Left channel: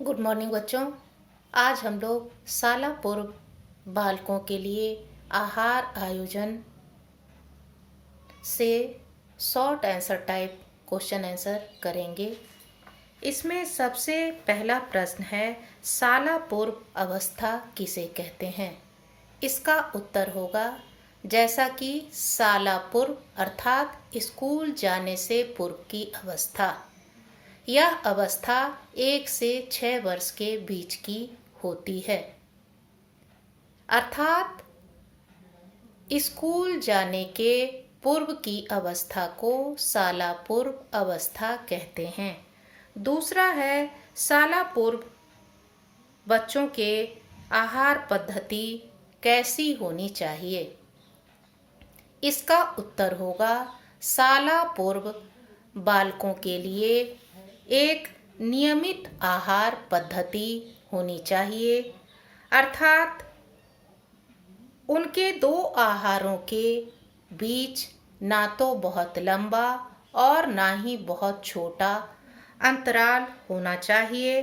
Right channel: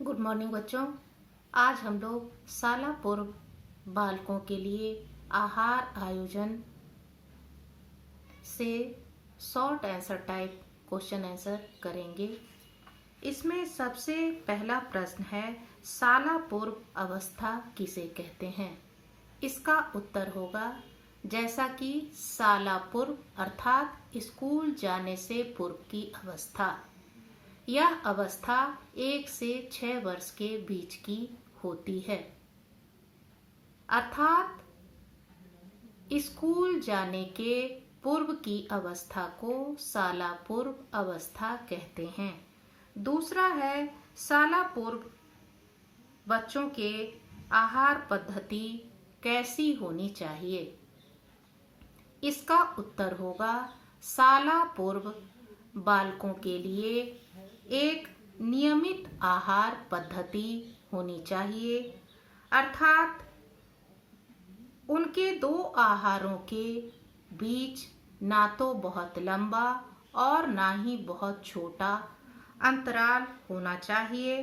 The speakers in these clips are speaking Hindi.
गुड मॉर्निंग बच्चों। आज हम लोग शाला पूर्व बालकों के लिए आहार आयोजन से short answer type question answer करेंगे। इसमें सबसे पहला प्रश्न है, शाला पूर्व अवस्था किसे कहते हैं? इसका उत्तर होगा, जैसा कि शाला पूर्व अर्थात स्कूल जाने से पूर्व की अवस्था। यह अवस्था 1 से 6 वर्ष के बीच की होती है, अर्थात स्कूल जाने के पूर्व की अवस्था को शाला पूर्व अवस्था कहते हैं। दूसरा है, शाला पूर्व बच्चों के आहार पद्धति कैसी होनी चाहिए? इसका उत्तर होगा, शाला पूर्व बालकों के लिए एक नियमित आहार पद्धति होनी चाहिए, अर्थात उनके 2 आहारों के बीच ना तो बहुत लंबा और ना ही बहुत छोटा अंतराल होना चाहिए।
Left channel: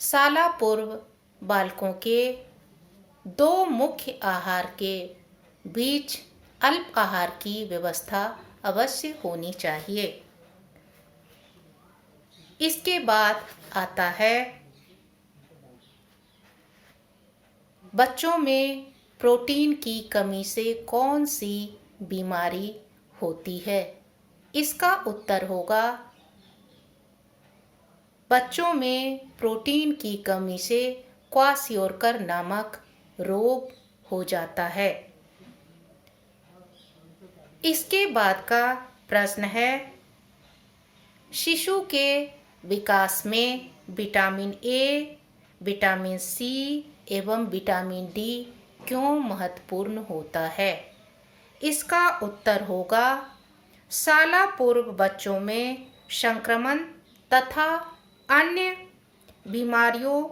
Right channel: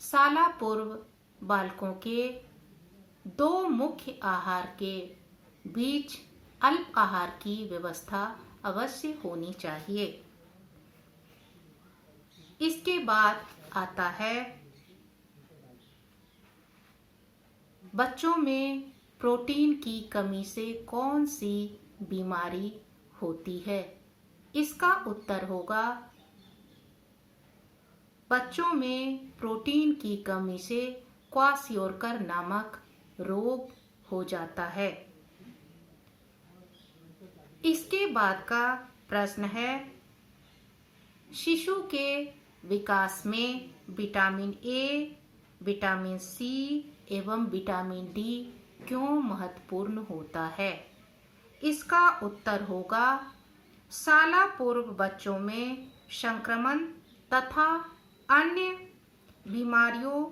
शाला पूर्व बालकों के 2 मुख्य आहार के बीच अल्प आहार की व्यवस्था अवश्य होनी चाहिए। इसके बाद आता है, बच्चों में प्रोटीन की कमी से कौन सी बीमारी होती है? इसका उत्तर होगा, बच्चों में प्रोटीन की कमी से क्वाशियोरकर नामक रोग हो जाता है। इसके बाद का प्रश्न है, शिशु के विकास में विटामिन ए, विटामिन सी एवं विटामिन डी क्यों महत्वपूर्ण होता है? इसका उत्तर होगा, शाला पूर्व बच्चों में संक्रमण तथा अन्य बीमारियों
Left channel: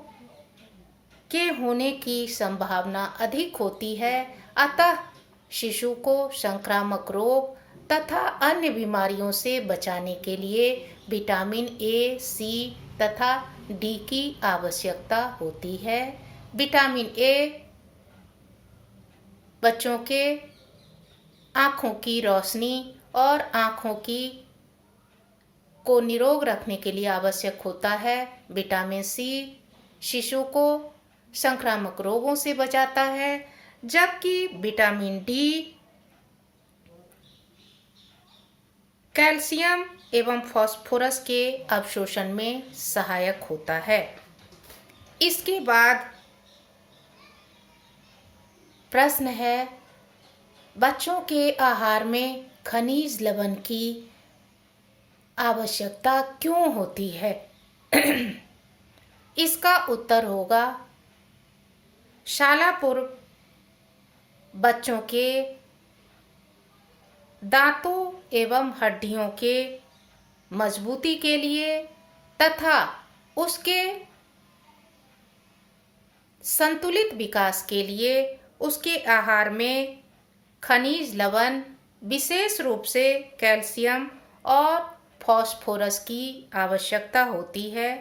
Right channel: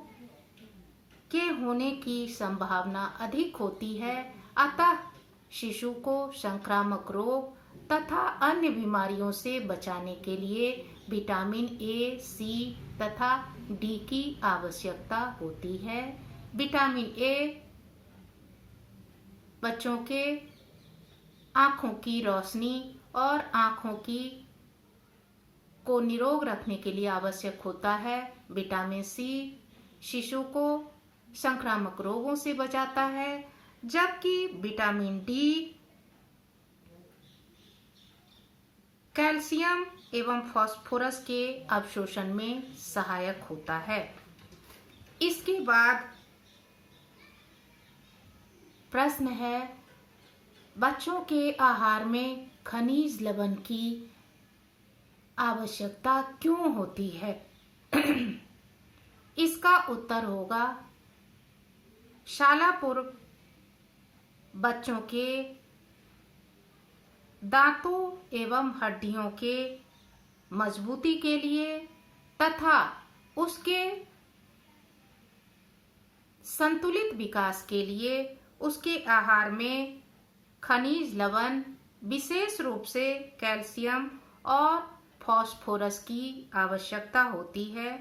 के होने की संभावना अधिक होती है, अतः शिशु को संक्रामक रोग तथा अन्य बीमारियों से बचाने के लिए विटामिन ए, सी तथा डी की आवश्यकता होती है। विटामिन ए बच्चों के आँखों की रोशनी और आँखों की को निरोग रखने के लिए आवश्यक होता है। विटामिन सी शिशु को संक्रामक रोगों से बचाता है, जबकि विटामिन डी कैल्शियम एवं फास्फोरस के अवशोषण में सहायक होता है। इसके बाद प्रश्न है, बच्चों के आहार में खनिज लवण की आवश्यकता क्यों होती है? इसका उत्तर होगा, शाला पूर्व बच्चों के दांतों एवं हड्डियों के मजबूती के लिए तथा उसके संतुलित विकास के लिए उसके आहार में खनिज लवण, विशेष रूप से कैल्शियम और फास्फोरस की आवश्यकता होती है।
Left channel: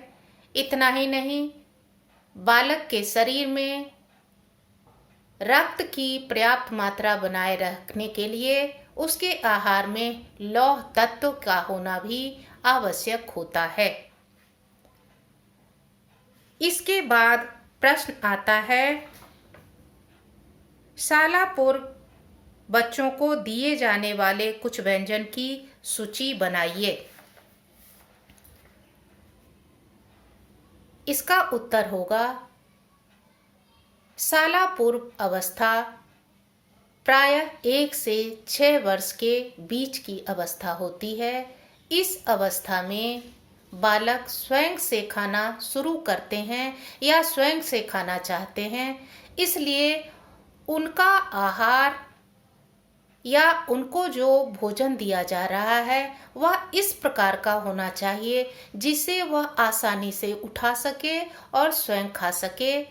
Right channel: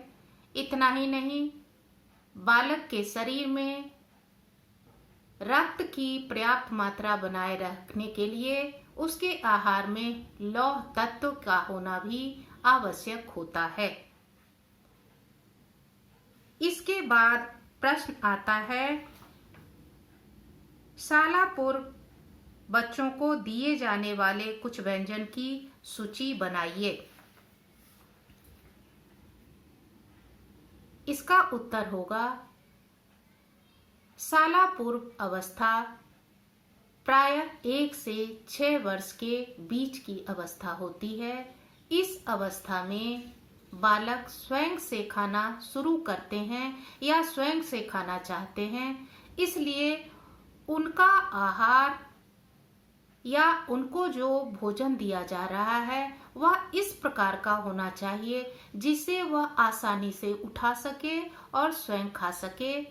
इतना ही नहीं, बालक के शरीर में रक्त की पर्याप्त मात्रा बनाए रखने के लिए उसके आहार में लौह तत्व का होना भी आवश्यक होता है। इसके बाद प्रश्न आता है, शाला पूर्व बच्चों को दिए जाने वाले कुछ व्यंजन की सूची बनाइए। इसका उत्तर होगा, शाला पूर्व अवस्था प्रायः 1 से 6 वर्ष के बीच की अवस्था होती है। इस अवस्था में बालक स्वयं से खाना शुरू करते हैं या स्वयं से खाना चाहते हैं, इसलिए उनका आहार या उनको जो भोजन दिया जा रहा है वह इस प्रकार का होना चाहिए जिसे वह आसानी से उठा सके और स्वयं खा सके,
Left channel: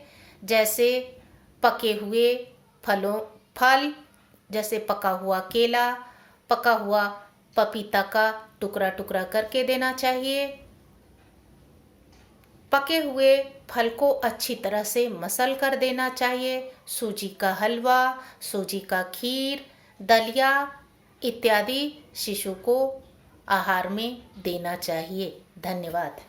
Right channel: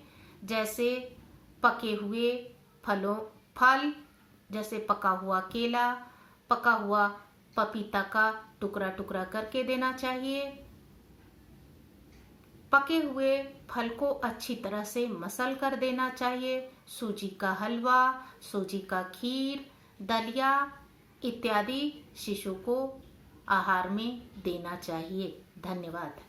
जैसे पके हुए फल जैसे पका हुआ केला, पका हुआ पपीता का टुकड़ा टुकड़ा करके देना चाहिए। पके हुए फल को अच्छी तरह से मसल कर देना चाहिए। सूजी का हलवा, सूजी का खीर, दलिया इत्यादि शिशु को आहार में देना चाहिए। धन्यवाद।